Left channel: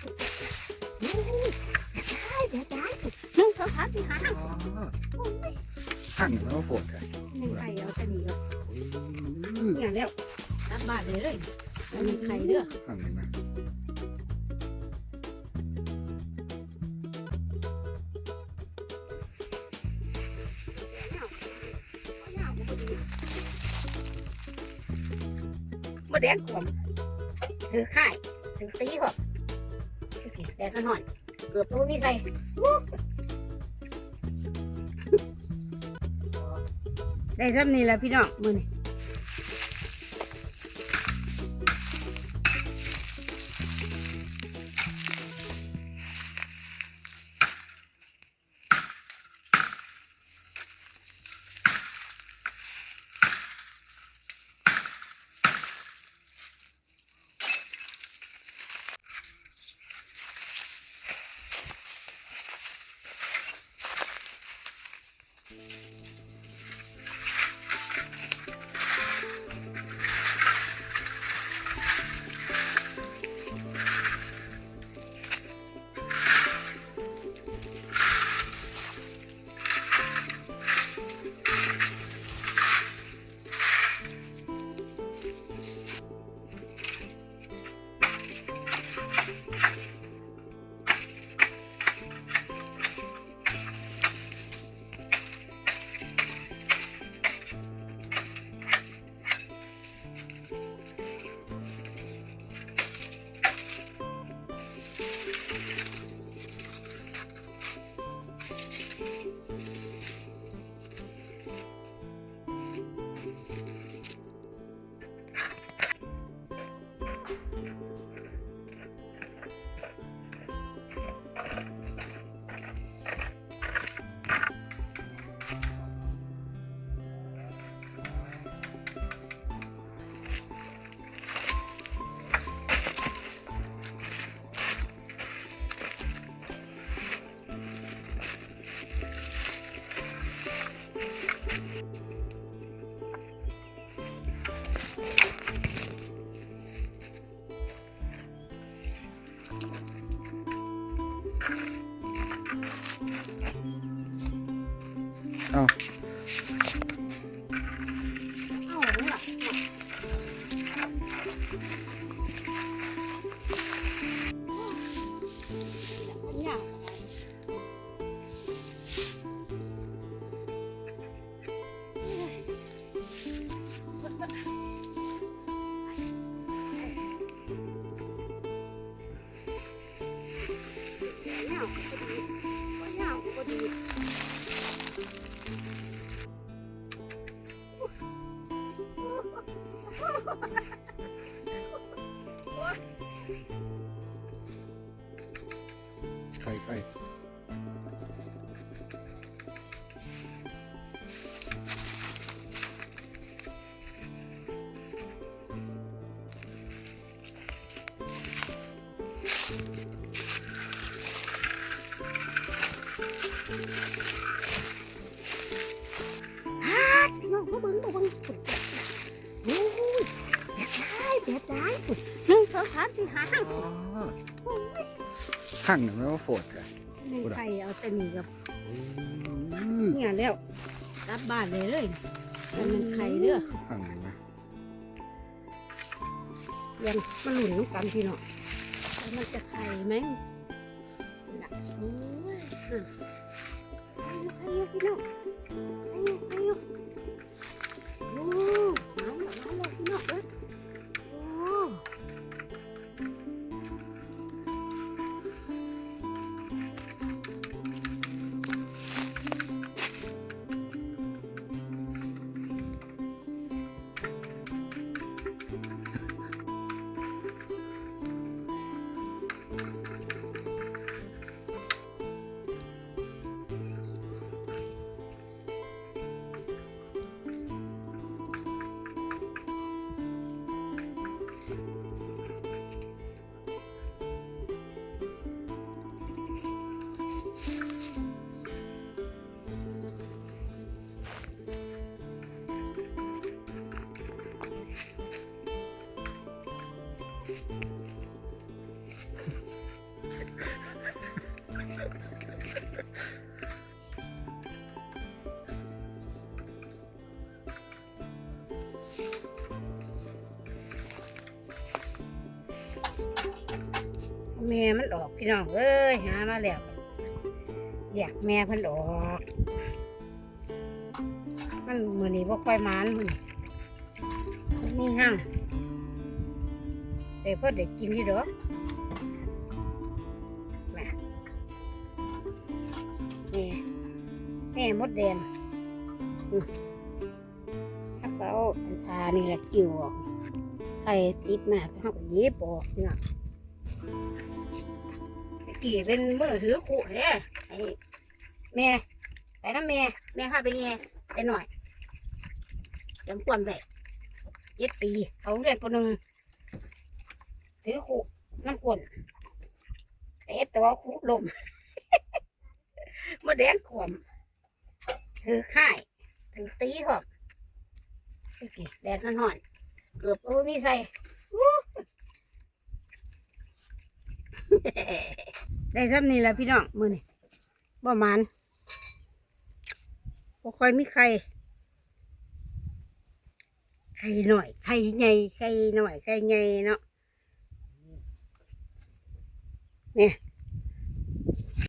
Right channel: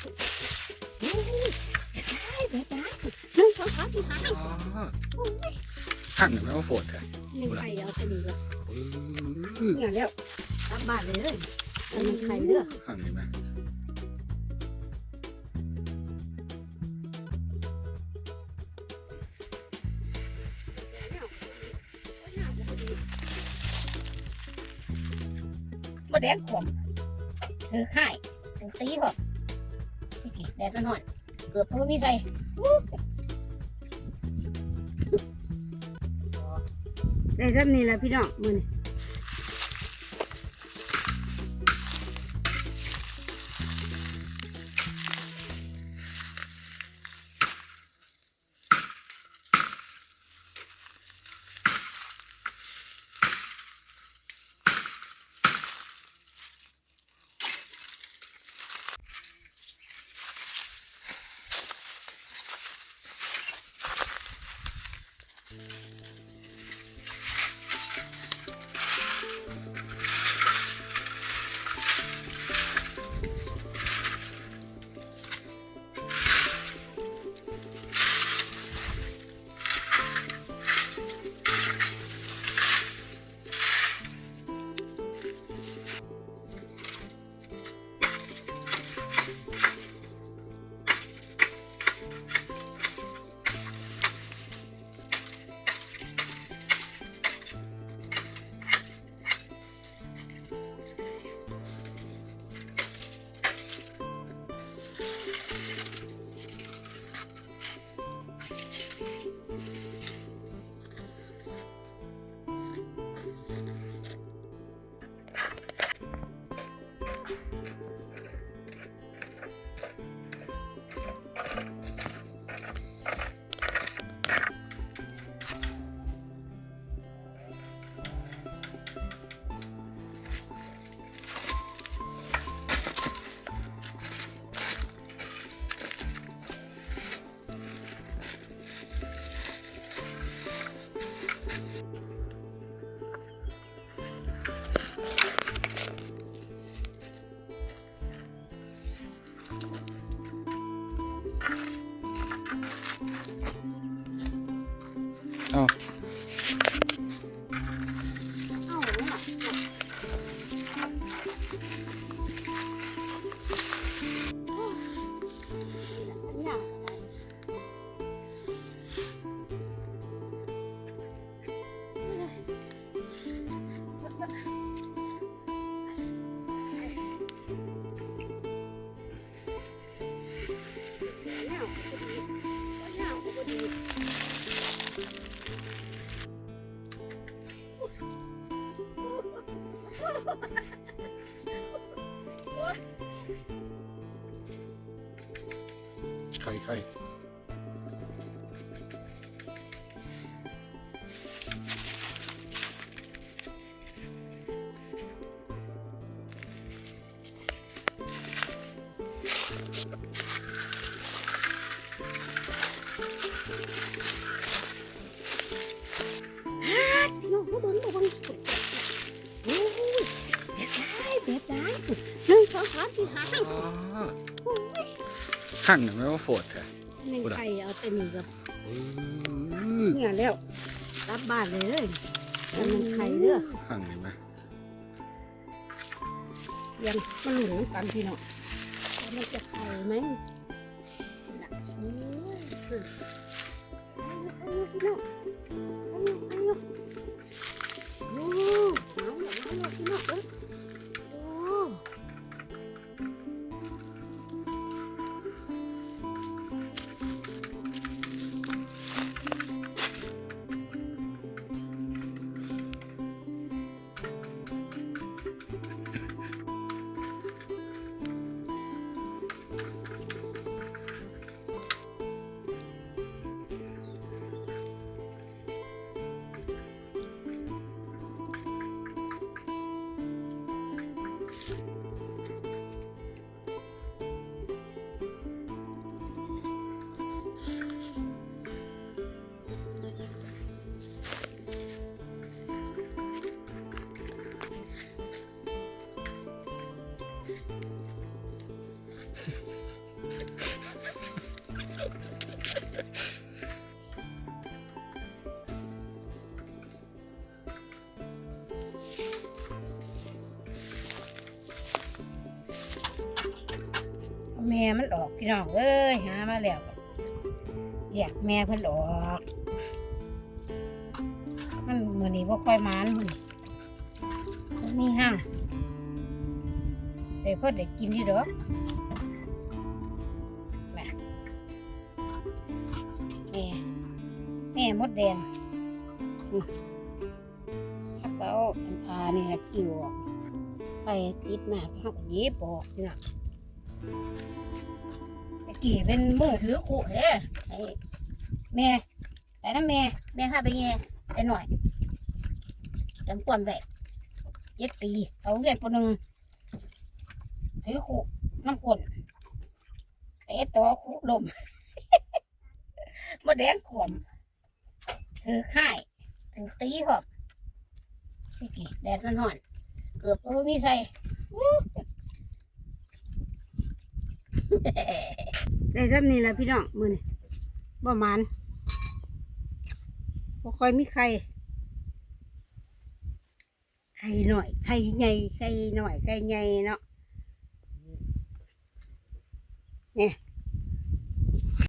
โอ้ยได้เดี๋ยวได้หนึ่งสองสามสี่ห้าอ๋อโอ้ยข้างหนึ่งไม่ว่าโผล่แท้นึ่งไข่เอาไปนี่ก็เนี่ยแล้วกลับบานเลยเอาหนึ่งไข่เด้อข้างหนึ่งนะบ่แดงขมถือข่ายถือตีพอ แดดมันหน่อยเกือบพูดมีใส่ได้ทำนี่แหละพี่น้องมือนี่ เอา ไข่ไข่พี่น้องเขาเบิ่งบ่เบิ่งสุดโอ้ยเด็ดได้เด็ดได้ สองสามสี่ห้าอ๋อข้างหนึ่งไม่ว่าโผล่แท้หนึ่งไข่เอาแต่นี่กับอือเนี่ยแล้วกลับบ้านเลยเลยเอาหนึ่งไข่เด้อข้างหนึ่งนะยังมาหลุนน้ำกันพี่น้องแต่มันจะไข่ไหมน่ะโอ้ยอะไข่อยู่ไข่อยู่พี่น้องไข่อยู่ไข่อยู่ แม่มันออกพี่น้องเอ้ยหามาแล้วอยากแม่เพิ่นออก มันมือนี้บ่ค่อยมานมือนี้มันมีห้างแต่พ่อได้กินที่ดอกม่แม่แม่มดแดงอืมถ้าก็เอาอันปลานี่แหละกิ่วออกไข่ติดมาเขาก็หยิบออกเนี่ยตะ กี้เป็นมือถือขู่เด้ไอ้แม่ไปน้ำแม่ แม่พาไปแง่ไปหน่อยจำควรแบบเจ็ดปี เขาเรียนปหนึ่งถือขู่น้ำกลนเตะตัวขู่ลมมาแดงขวมถือข่ายถือตีหอมตะกี้แดดมันห่อน เกือบก็มีใส่ ได้ซ้ำนี่แหละพี่น้องมือนี่บ่หมันบ่ค่อยมีใครไข่หน่อยไข่ใหญ่ไข่หน่อยไข่ใหญ่เนาะเนี่ย